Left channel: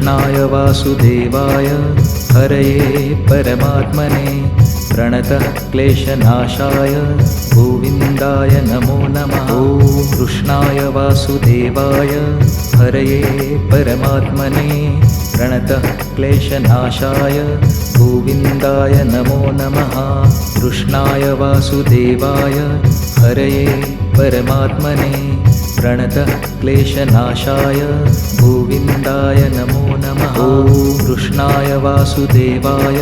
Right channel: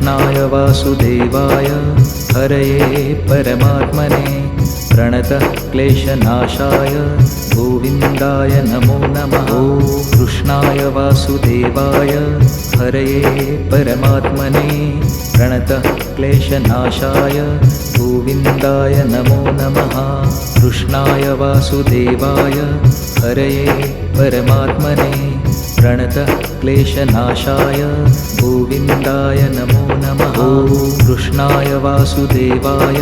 कृष्णाय वासुदेवाय हरये परमात्मने प्रणतः क्लेशनाशाय गोविन्दाय नमो नमः। ॐ कृष्णाय वासुदेवाय हरये परमात्मने प्रणतः क्लेशनाशाय गोविन्दाय नमो नमः। कृष्णाय वासुदेवाय हरये परमात्मने प्रणतः क्लेशनाशाय गोविन्दाय नमो नमः। ॐ कृष्णाय वासुदेवाय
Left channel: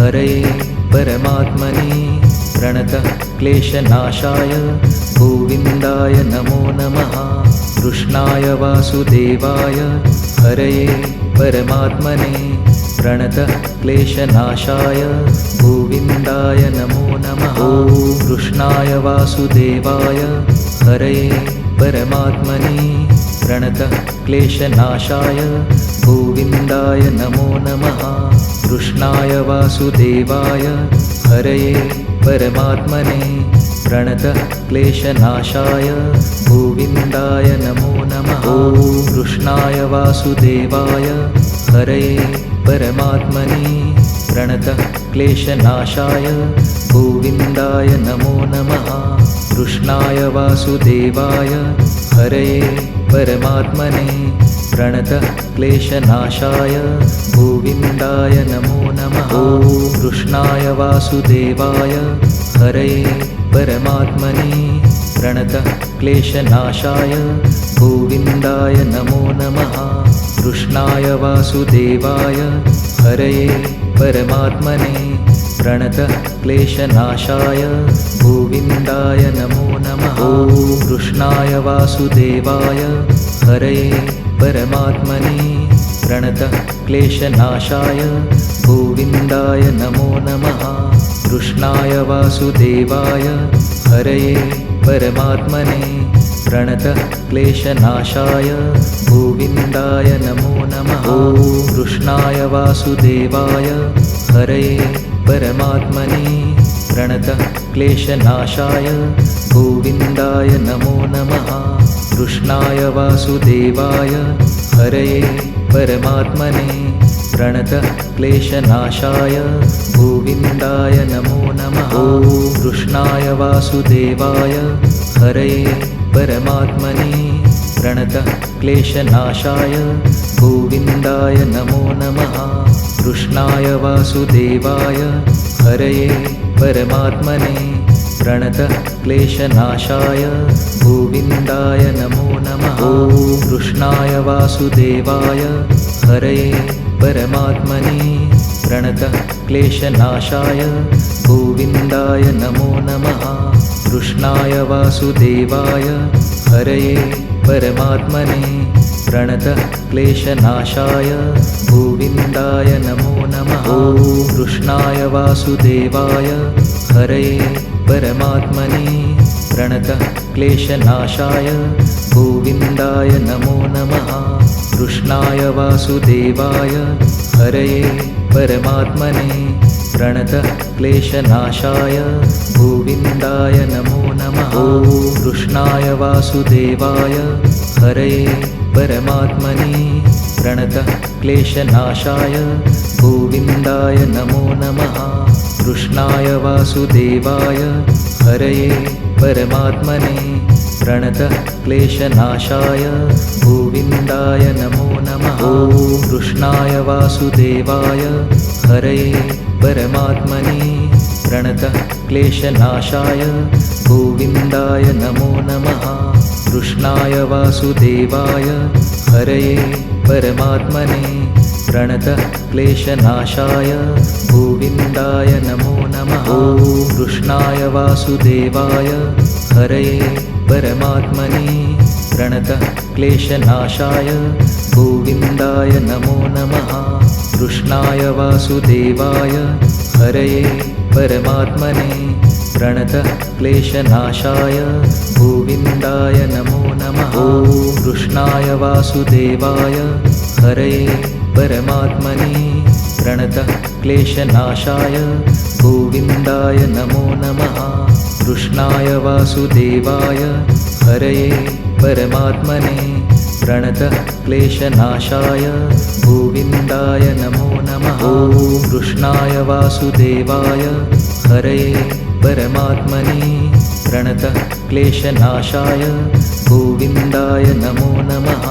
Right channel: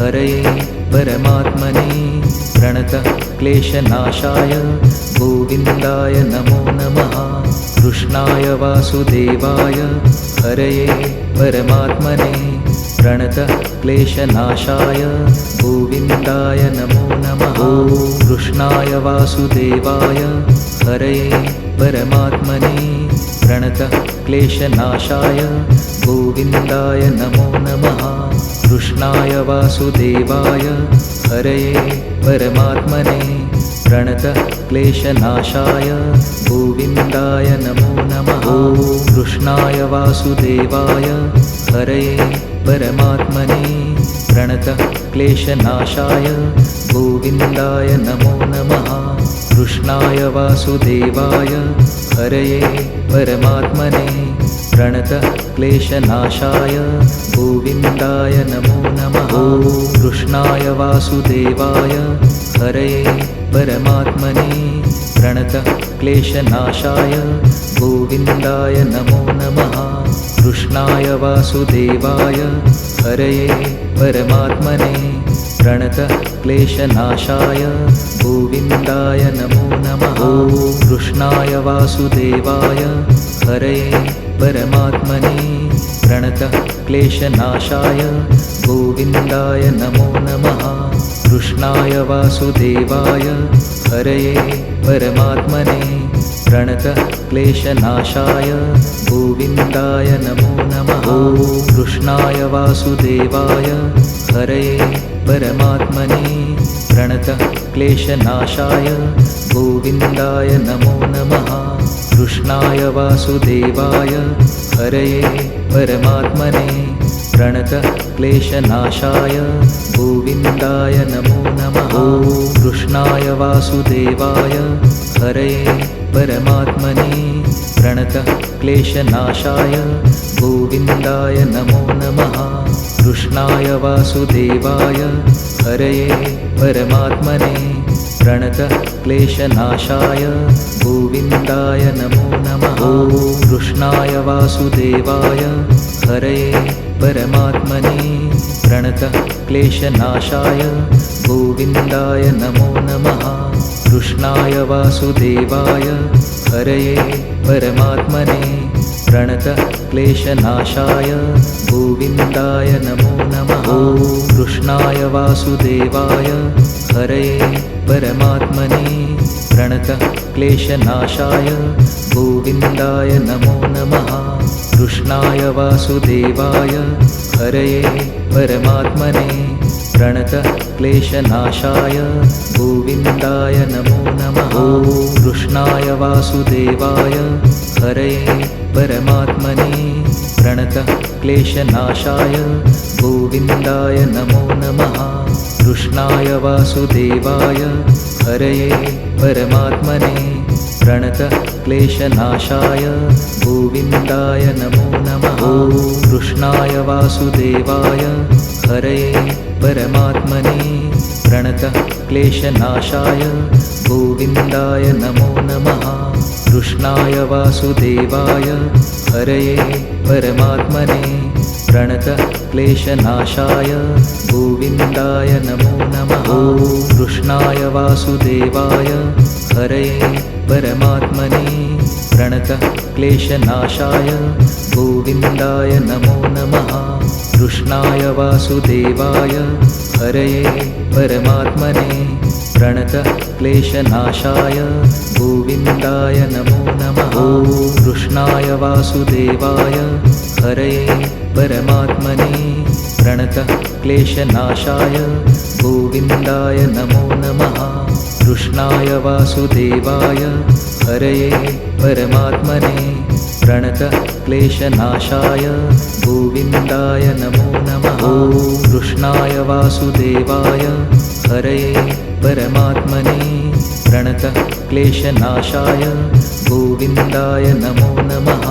हरये परमात्मने प्रणतः क्लेशनाशाय गोविन्दाय नमो नमः। कृष्णाय वासुदेवाय हरये परमात्मने प्रणतः क्लेशनाशाय गोविन्दाय नमो नमः। ॐ कृष्णाय वासुदेवाय हरये परमात्मने प्रणतः क्लेशनाशाय गोविन्दाय नमो नमः। कृष्णाय वासुदेवाय हरये परमात्मने प्रणतः क्लेशनाशाय गोविन्दाय नमो नमः। ॐ कृष्णाय वासुदेवाय हरये परमात्मने प्रणतः क्लेशनाशाय गोविन्दाय नमो नमः। कृष्णाय वासुदेवाय हरये परमात्मने प्रणतः क्लेशनाशाय गोविन्दाय नमो नमः। ॐ कृष्णाय वासुदेवाय हरये परमात्मने प्रणतः क्लेशनाशाय गोविन्दाय नमो नमः। कृष्णाय वासुदेवाय हरये परमात्मने प्रणतः क्लेशनाशाय गोविन्दाय नमो नमः। ॐ कृष्णाय वासुदेवाय हरये परमात्मने प्रणतः क्लेशनाशाय गोविन्दाय नमो नमः। कृष्णाय वासुदेवाय हरये परमात्मने प्रणतः क्लेशनाशाय गोविन्दाय नमो नमः। ॐ कृष्णाय वासुदेवाय हरये परमात्मने प्रणतः क्लेशनाशाय गोविन्दाय नमो नमः। कृष्णाय वासुदेवाय हरये परमात्मने प्रणतः क्लेशनाशाय गोविन्दाय नमो नमः। ॐ कृष्णाय वासुदेवाय हरये परमात्मने प्रणतः क्लेशनाशाय गोविन्दाय नमो नमः। कृष्णाय वासुदेवाय हरये परमात्मने प्रणतः क्लेशनाशाय गोविन्दाय नमो नमः। ॐ कृष्णाय वासुदेवाय हरये परमात्मने प्रणतः क्लेशनाशाय गोविन्दाय नमो नमः। कृष्णाय वासुदेवाय हरये परमात्मने प्रणतः क्लेशनाशाय गोविन्दाय नमो नमः। ॐ कृष्णाय वासुदेवाय हरये परमात्मने प्रणतः क्लेशनाशाय गोविन्दाय नमो नमः। कृष्णाय वासुदेवाय हरये परमात्मने प्रणतः क्लेशनाशाय गोविन्दाय नमो नमः। ॐ कृष्णाय वासुदेवाय हरये परमात्मने प्रणतः क्लेशनाशाय गोविन्दाय नमो नमः। कृष्णाय वासुदेवाय हरये परमात्मने प्रणतः क्लेशनाशाय गोविन्दाय नमो नमः। ॐ कृष्णाय वासुदेवाय हरये परमात्मने प्रणतः क्लेशनाशाय गोविन्दाय नमो नमः। कृष्णाय वासुदेवाय हरये परमात्मने प्रणतः क्लेशनाशाय गोविन्दाय नमो नमः। ॐ कृष्णाय वासुदेवाय हरये परमात्मने प्रणतः क्लेशनाशाय गोविन्दाय नमो नमः। कृष्णाय वासुदेवाय हरये परमात्मने प्रणतः क्लेशनाशाय गोविन्दाय नमो नमः। ॐ कृष्णाय वासुदेवाय हरये परमात्मने प्रणतः क्लेशनाशाय गोविन्दाय नमो नमः। कृष्णाय वासुदेवाय हरये परमात्मने प्रणतक्लेशनाशाय गोविन्दाय नमो नमः। ॐ कृष्णाय वासुदेवाय हरये परमात्मने प्रणतक्लेशनाशाय गोविन्दाय नमो नमः।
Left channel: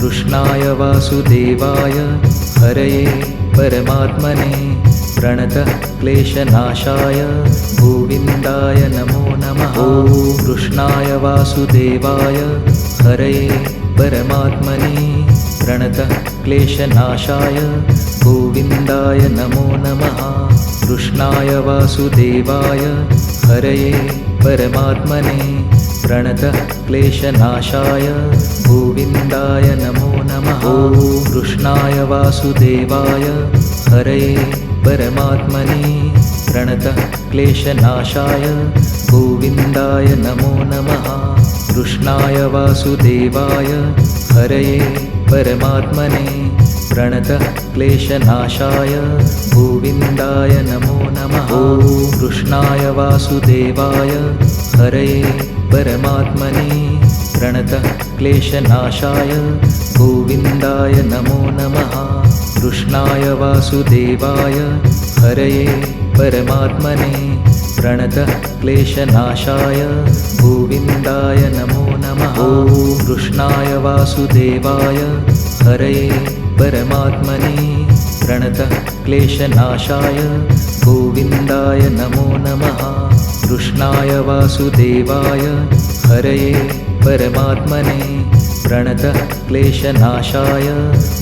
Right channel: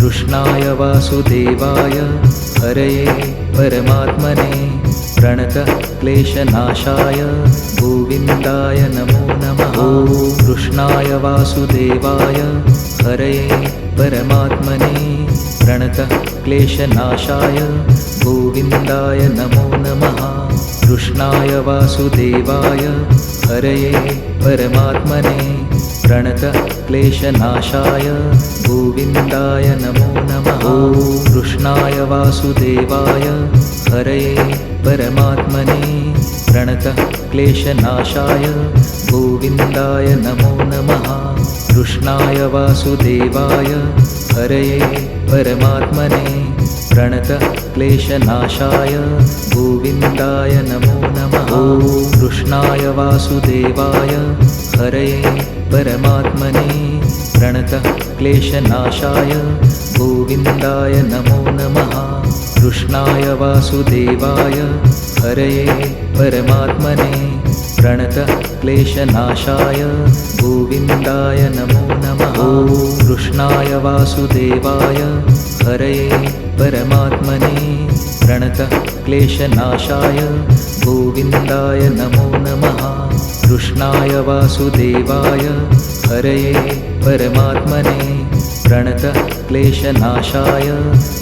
कृष्णाय वासुदेवाय हरये परमात्मने प्रणतक्लेशनाशाय गोविन्दाय नमो नमः। ॐ कृष्णाय वासुदेवाय हरये परमात्मने प्रणतक्लेशनाशाय गोविन्दाय नमो नमः। कृष्णाय वासुदेवाय हरये परमात्मने प्रणतक्लेशनाशाय गोविन्दाय नमो नमः। ॐ कृष्णाय वासुदेवाय हरये परमात्मने प्रणतक्लेशनाशाय गोविन्दाय नमो नमः। कृष्णाय वासुदेवाय हरये परमात्मने प्रणतक्लेशनाशाय गोविन्दाय नमो नमः। ॐ कृष्णाय वासुदेवाय हरये परमात्मने प्रणतक्लेशनाशाय गोविन्दाय नमो नमः। कृष्णाय वासुदेवाय हरये परमात्मने प्रणतक्लेशनाशाय गोविन्दाय नमो नमः। ॐ कृष्णाय वासुदेवाय हरये परमात्मने प्रणतक्लेशनाशाय गोविन्दाय नमो नमः। कृष्णाय वासुदेवाय हरये परमात्मने प्रणतक्लेशनाशाय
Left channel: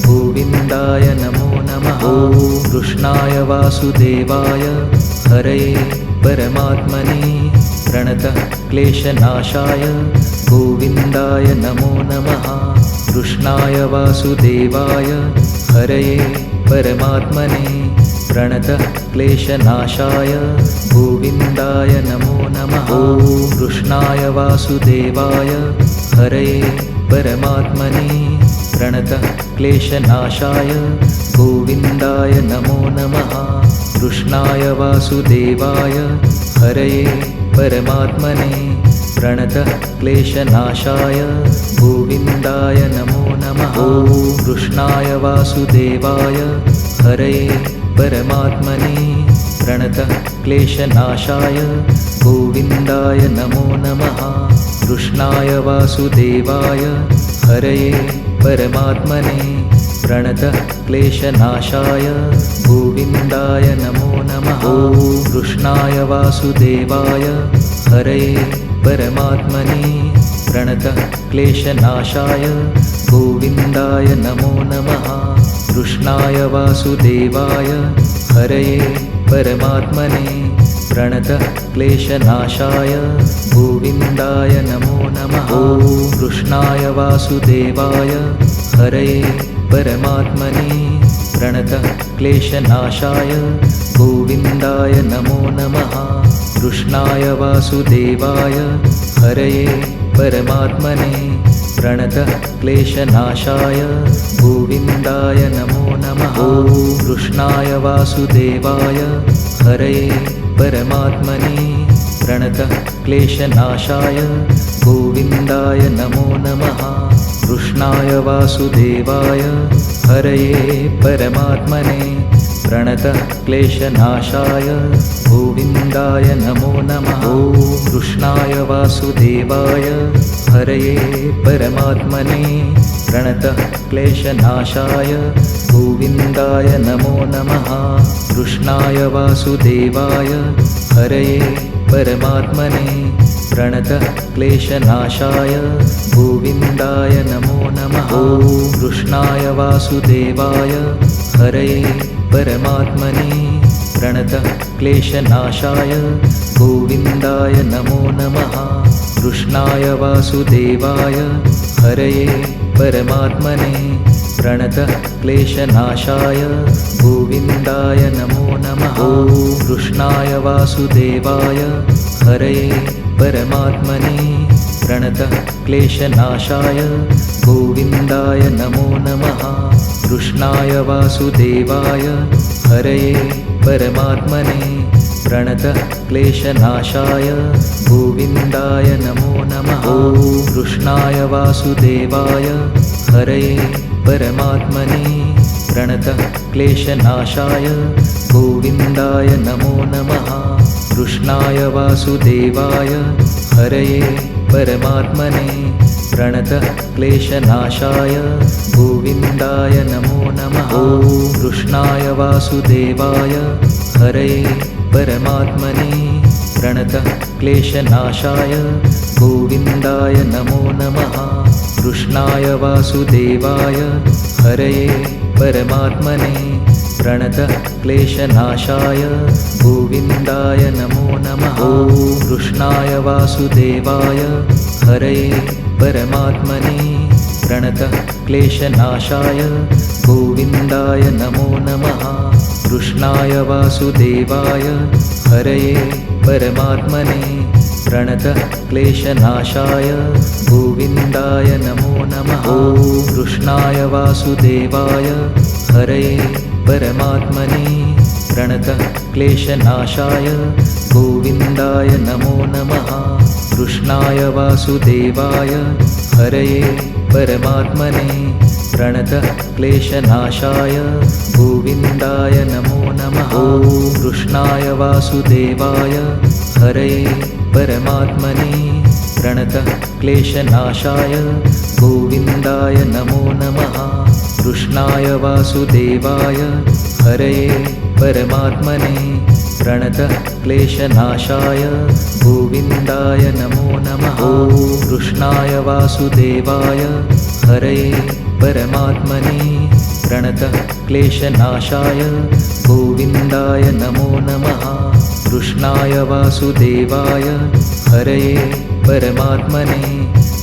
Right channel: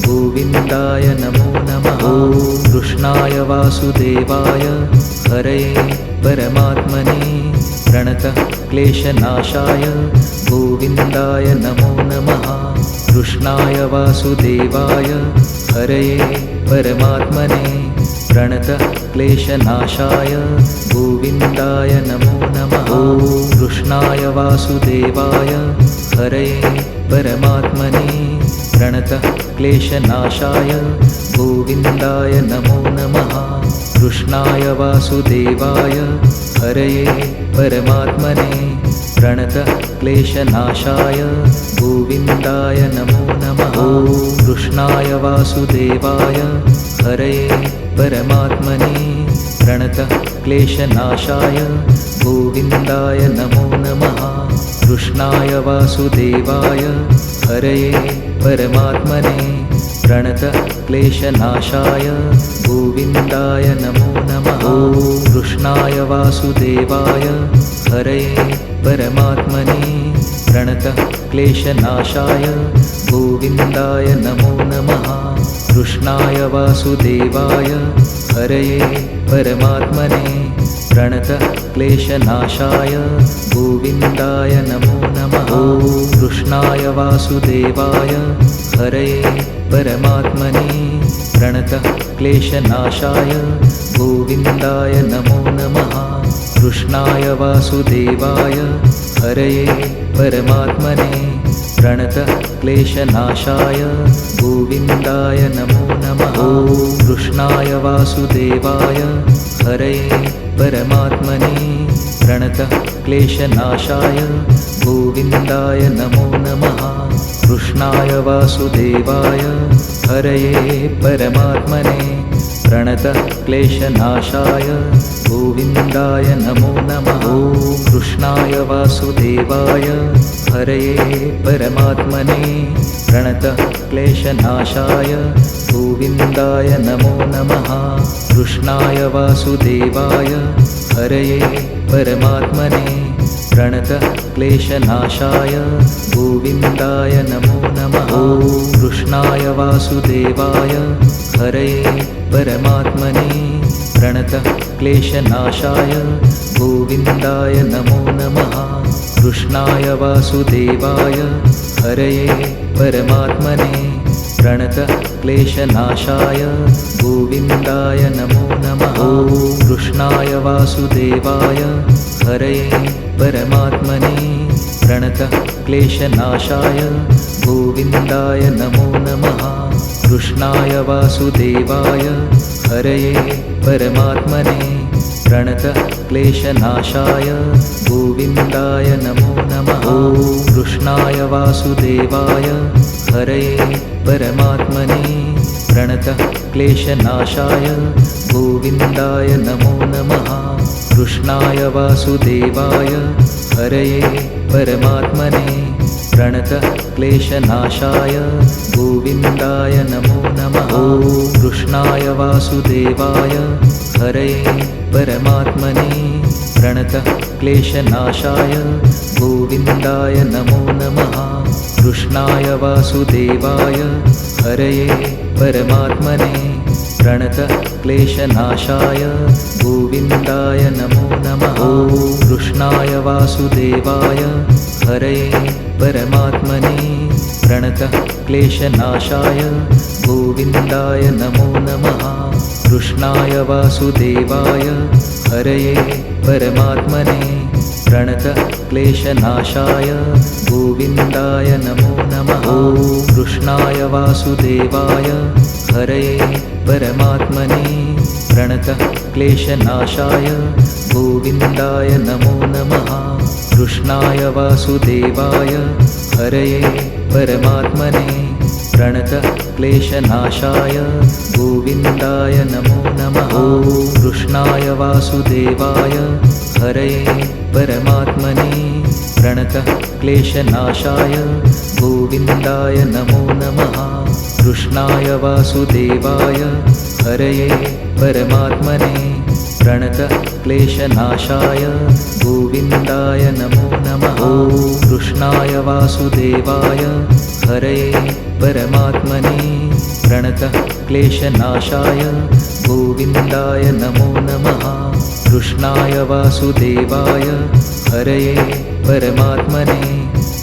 गोविन्दाय नमो नमः। ॐ कृष्णाय वासुदेवाय हरये परमात्मने प्रणतक्लेशनाशाय गोविन्दाय नमो नमः। कृष्णाय वासुदेवाय हरये परमात्मने प्रणतक्लेशनाशाय गोविन्दाय नमो नमः। ॐ कृष्णाय वासुदेवाय हरये परमात्मने प्रणतक्लेशनाशाय गोविन्दाय नमो नमः। कृष्णाय वासुदेवाय हरये परमात्मने प्रणतक्लेशनाशाय गोविन्दाय नमो नमः। ॐ कृष्णाय वासुदेवाय हरये परमात्मने प्रणतक्लेशनाशाय गोविन्दाय नमो नमः। कृष्णाय वासुदेवाय हरये परमात्मने प्रणतक्लेशनाशाय गोविन्दाय नमो नमः। ॐ कृष्णाय वासुदेवाय हरये परमात्मने प्रणतक्लेशनाशाय गोविन्दाय नमो नमः। कृष्णाय वासुदेवाय हरये परमात्मने प्रणतक्लेशनाशाय गोविन्दाय नमो नमः। ॐ कृष्णाय वासुदेवाय हरये परमात्मने प्रणतक्लेशनाशाय गोविन्दाय नमो नमः। कृष्णाय वासुदेवाय हरये परमात्मने प्रणतक्लेशनाशाय गोविन्दाय नमो नमः। ॐ कृष्णाय वासुदेवाय हरये परमात्मने प्रणतक्लेशनाशाय गोविन्दाय नमो नमः। कृष्णाय वासुदेवाय हरये परमात्मने प्रणतक्लेशनाशाय गोविन्दाय नमो नमः। ॐ कृष्णाय वासुदेवाय हरये परमात्मने प्रणतक्लेशनाशाय गोविन्दाय नमो नमः। कृष्णाय वासुदेवाय हरये परमात्मने प्रणतक्लेशनाशाय गोविन्दाय नमो नमः। ॐ कृष्णाय वासुदेवाय हरये परमात्मने प्रणतक्लेशनाशाय गोविन्दाय नमो नमः। कृष्णाय वासुदेवाय हरये परमात्मने प्रणतक्लेशनाशाय गोविन्दाय नमो नमः। ॐ कृष्णाय वासुदेवाय हरये परमात्मने प्रणतक्लेशनाशाय गोविन्दाय नमो नमः। कृष्णाय वासुदेवाय हरये परमात्मने प्रणतक्लेशनाशाय गोविन्दाय नमो नमः। ॐ कृष्णाय वासुदेवाय हरये परमात्मने प्रणतक्लेशनाशाय गोविन्दाय नमो नमः। कृष्णाय वासुदेवाय हरये परमात्मने प्रणतक्लेशनाशाय गोविन्दाय नमो नमः। ॐ कृष्णाय वासुदेवाय हरये परमात्मने प्रणतक्लेशनाशाय गोविन्दाय नमो नमः। कृष्णाय वासुदेवाय हरये परमात्मने प्रणतक्लेशनाशाय गोविन्दाय नमो नमः। ॐ कृष्णाय वासुदेवाय हरये परमात्मने प्रणतक्लेशनाशाय गोविन्दाय नमो नमः। कृष्णाय वासुदेवाय हरये परमात्मने प्रणतक्लेशनाशाय गोविन्दाय नमो नमः। ॐ कृष्णाय वासुदेवाय हरये परमात्मने प्रणतक्लेशनाशाय गोविन्दाय नमो नमः। कृष्णाय वासुदेवाय हरये परमात्मने प्रणतक्लेशनाशाय गोविन्दाय नमो नमः। ॐ कृष्णाय वासुदेवाय हरये परमात्मने प्रणतक्लेशनाशाय गोविन्दाय नमो नमः। कृष्णाय वासुदेवाय हरये परमात्मने प्रणतक्लेशनाशाय गोविन्दाय नमो नमः। ॐ कृष्णाय वासुदेवाय हरये परमात्मने प्रणतक्लेशनाशाय गोविन्दाय नमो नमः। कृष्णाय वासुदेवाय हरये परमात्मने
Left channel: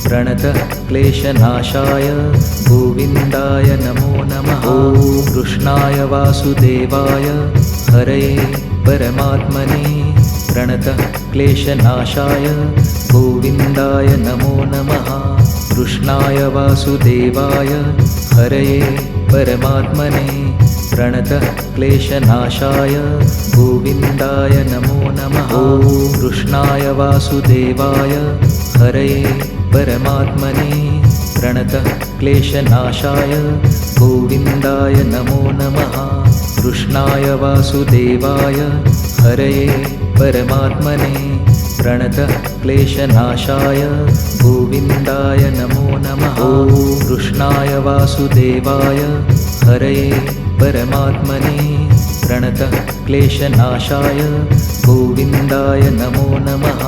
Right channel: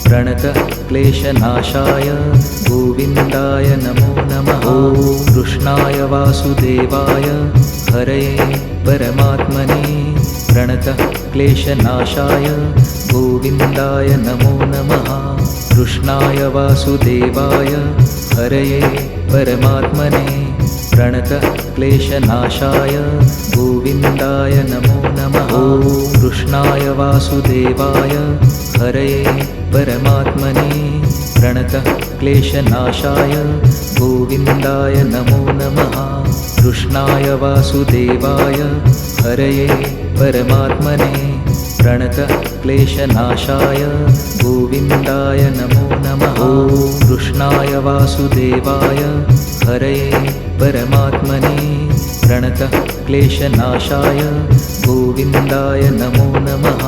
प्रणतक्लेशनाशाय गोविन्दाय नमो नमः। ॐ कृष्णाय वासुदेवाय हरये परमात्मने प्रणतक्लेशनाशाय गोविन्दाय नमो नमः। कृष्णाय वासुदेवाय हरये परमात्मने प्रणतक्लेशनाशाय गोविन्दाय नमो नमः। ॐ कृष्णाय वासुदेवाय हरये परमात्मने प्रणतक्लेशनाशाय गोविन्दाय नमो नमः। कृष्णाय वासुदेवाय हरये परमात्मने प्रणतक्लेशनाशाय गोविन्दाय नमो नमः। ॐ कृष्णाय वासुदेवाय हरये परमात्मने प्रणतक्लेशनाशाय गोविन्दाय नमो नमः।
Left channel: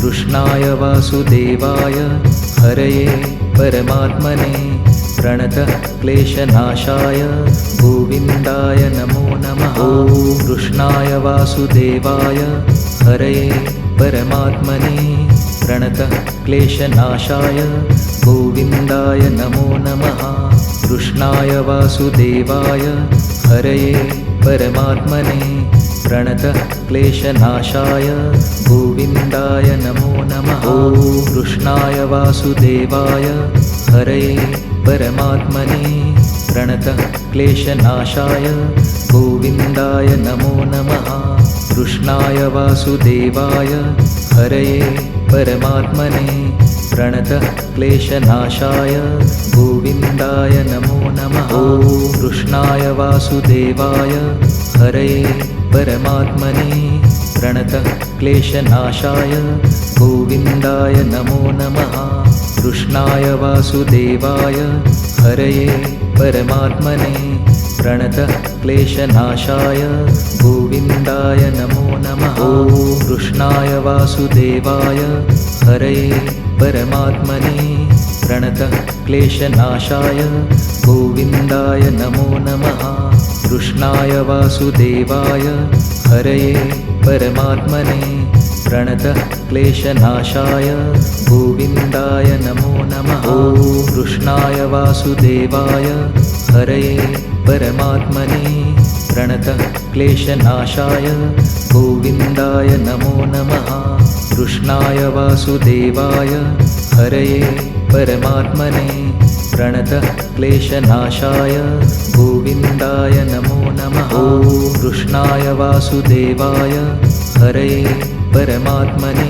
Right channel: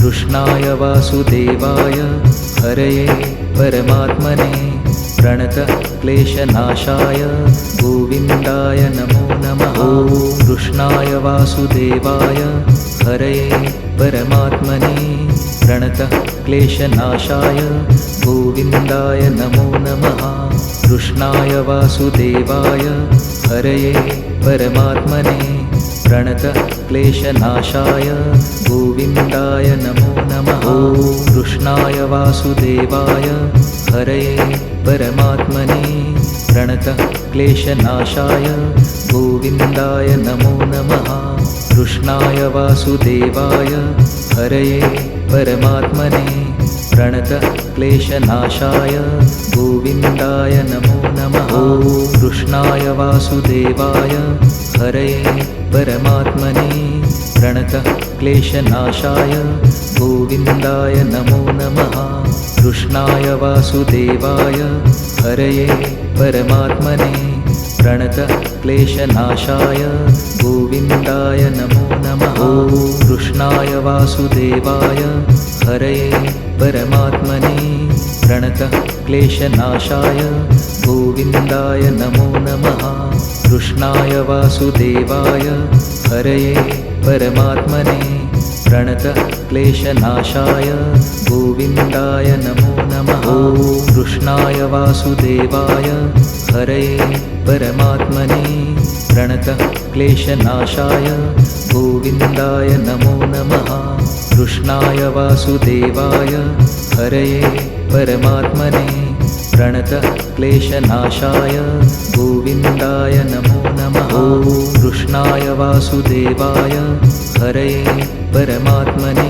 कृष्णाय वासुदेवाय हरये परमात्मने प्रणतक्लेशनाशाय गोविन्दाय नमो नमः। ॐ कृष्णाय वासुदेवाय हरये परमात्मने प्रणतक्लेशनाशाय गोविन्दाय नमो नमः। कृष्णाय वासुदेवाय हरये परमात्मने प्रणतक्लेशनाशाय गोविन्दाय नमो नमः। ॐ कृष्णाय वासुदेवाय हरये परमात्मने प्रणतक्लेशनाशाय गोविन्दाय नमो नमः। कृष्णाय वासुदेवाय हरये परमात्मने प्रणतक्लेशनाशाय गोविन्दाय नमो नमः। ॐ कृष्णाय वासुदेवाय हरये परमात्मने प्रणतक्लेशनाशाय गोविन्दाय नमो नमः। कृष्णाय वासुदेवाय हरये परमात्मने प्रणतक्लेशनाशाय गोविन्दाय नमो नमः। ॐ कृष्णाय वासुदेवाय हरये परमात्मने प्रणतक्लेशनाशाय गोविन्दाय नमो नमः। कृष्णाय वासुदेवाय हरये परमात्मने प्रणतक्लेशनाशाय गोविन्दाय नमो नमः। ॐ कृष्णाय वासुदेवाय हरये परमात्मने प्रणतक्लेशनाशाय गोविन्दाय नमो नमः। कृष्णाय वासुदेवाय हरये परमात्मने प्रणतः क्लेशनाशाय गोविन्दाय नमो नमः। ॐ कृष्णाय वासुदेवाय हरये परमात्मने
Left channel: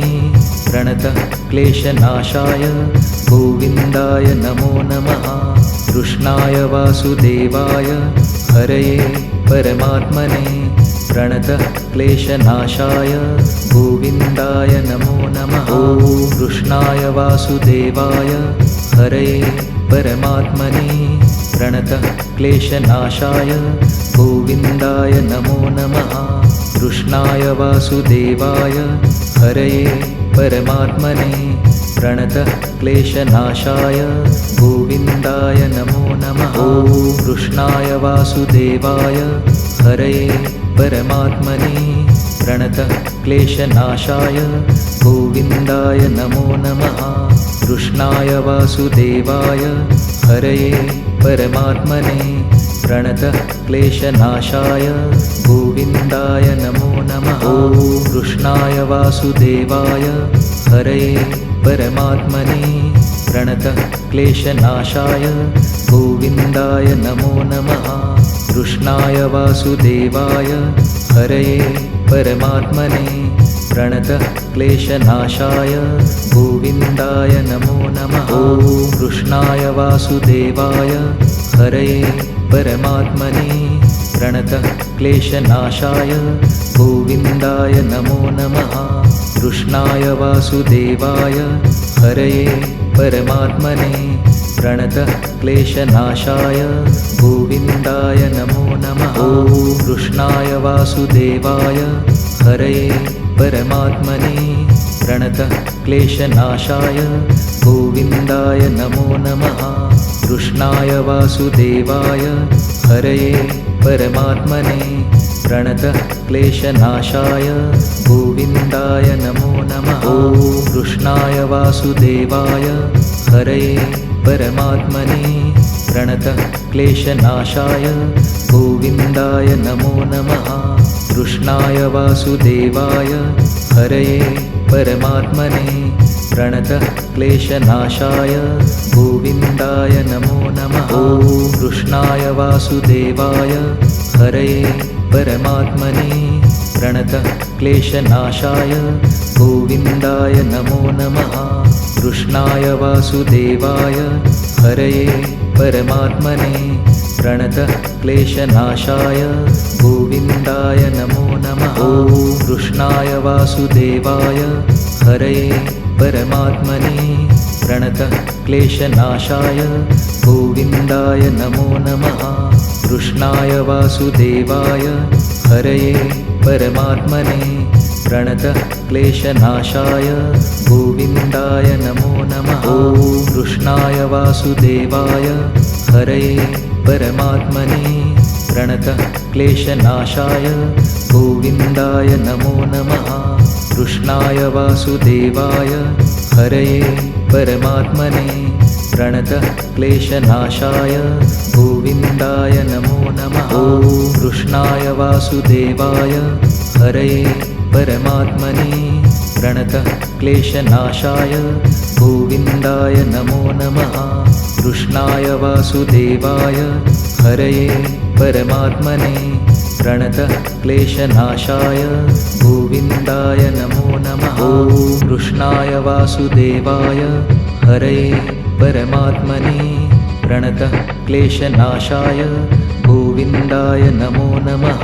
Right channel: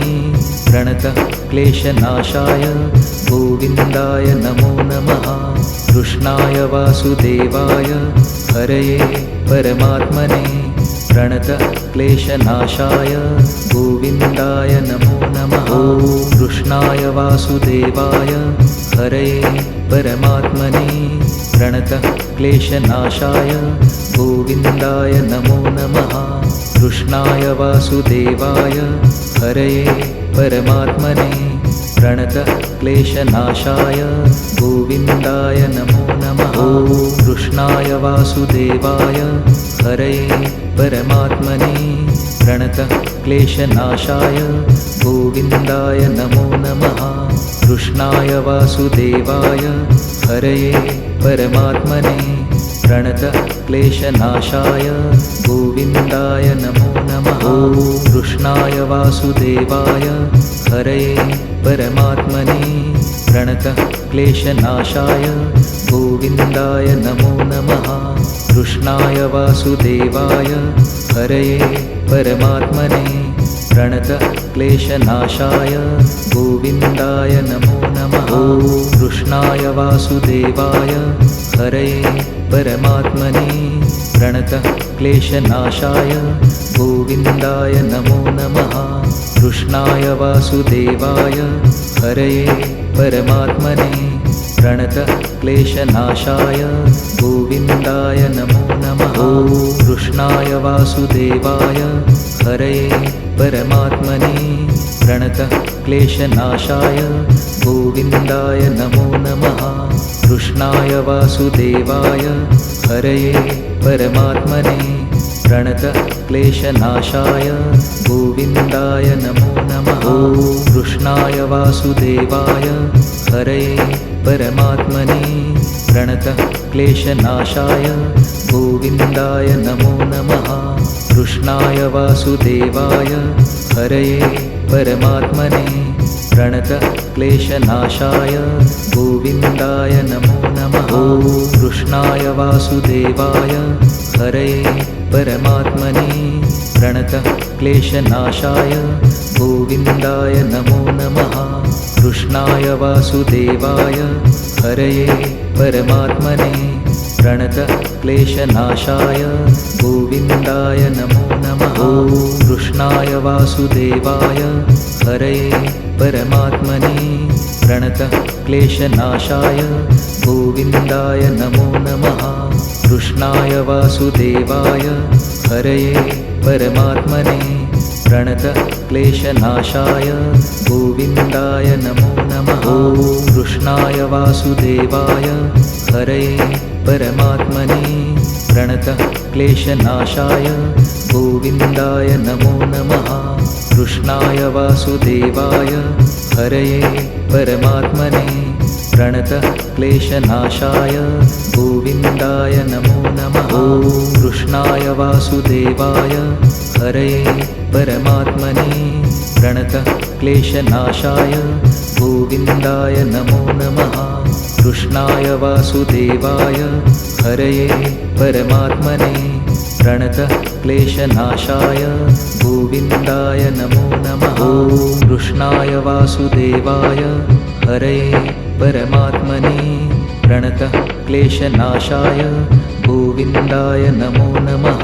प्रणतः क्लेशनाशाय गोविन्दाय नमो नमः। कृष्णाय वासुदेवाय हरये परमात्मने प्रणतः क्लेशनाशाय गोविन्दाय नमो नमः। ॐ कृष्णाय वासुदेवाय हरये परमात्मने प्रणतः क्लेशनाशाय गोविन्दाय नमो नमः। कृष्णाय वासुदेवाय हरये परमात्मने प्रणतः क्लेशनाशाय गोविन्दाय नमो नमः। ॐ कृष्णाय वासुदेवाय हरये परमात्मने प्रणतः क्लेशनाशाय गोविन्दाय नमो नमः। कृष्णाय वासुदेवाय हरये परमात्मने प्रणतः क्लेशनाशाय गोविन्दाय नमो नमः। ॐ कृष्णाय वासुदेवाय हरये परमात्मने प्रणतः क्लेशनाशाय गोविन्दाय नमो नमः। कृष्णाय वासुदेवाय हरये परमात्मने प्रणतः क्लेशनाशाय गोविन्दाय नमो नमः। ॐ कृष्णाय वासुदेवाय हरये परमात्मने प्रणतः क्लेशनाशाय गोविन्दाय नमो नमः। कृष्णाय वासुदेवाय हरये परमात्मने प्रणतः क्लेशनाशाय गोविन्दाय नमो नमः। ॐ कृष्णाय वासुदेवाय हरये परमात्मने प्रणतः क्लेशनाशाय गोविन्दाय नमो नमः। कृष्णाय वासुदेवाय हरये परमात्मने प्रणतः क्लेशनाशाय गोविन्दाय नमो नमः। ॐ कृष्णाय वासुदेवाय हरये परमात्मने प्रणतः क्लेशनाशाय गोविन्दाय नमो नमः। कृष्णाय वासुदेवाय हरये परमात्मने प्रणतः क्लेशनाशाय गोविन्दाय नमो नमः। ॐ कृष्णाय वासुदेवाय हरये परमात्मने प्रणतः क्लेशनाशाय गोविन्दाय नमो नमः। कृष्णाय वासुदेवाय हरये परमात्मने प्रणतः क्लेशनाशाय गोविन्दाय नमो नमः। ॐ कृष्णाय वासुदेवाय हरये परमात्मने प्रणतः क्लेशनाशाय गोविन्दाय नमो नमः। कृष्णाय वासुदेवाय हरये परमात्मने प्रणतः क्लेशनाशाय गोविन्दाय नमो नमः। ॐ कृष्णाय वासुदेवाय हरये परमात्मने प्रणतः क्लेशनाशाय गोविन्दाय नमो नमः। कृष्णाय वासुदेवाय हरये परमात्मने प्रणतः क्लेशनाशाय गोविन्दाय नमो नमः। ॐ कृष्णाय वासुदेवाय हरये परमात्मने प्रणतः क्लेशनाशाय गोविन्दाय नमो नमः। कृष्णाय वासुदेवाय हरये परमात्मने प्रणतः क्लेशनाशाय गोविन्दाय नमो नमः। ॐ कृष्णाय वासुदेवाय हरये परमात्मने प्रणतः क्लेशनाशाय गोविन्दाय नमो नमः।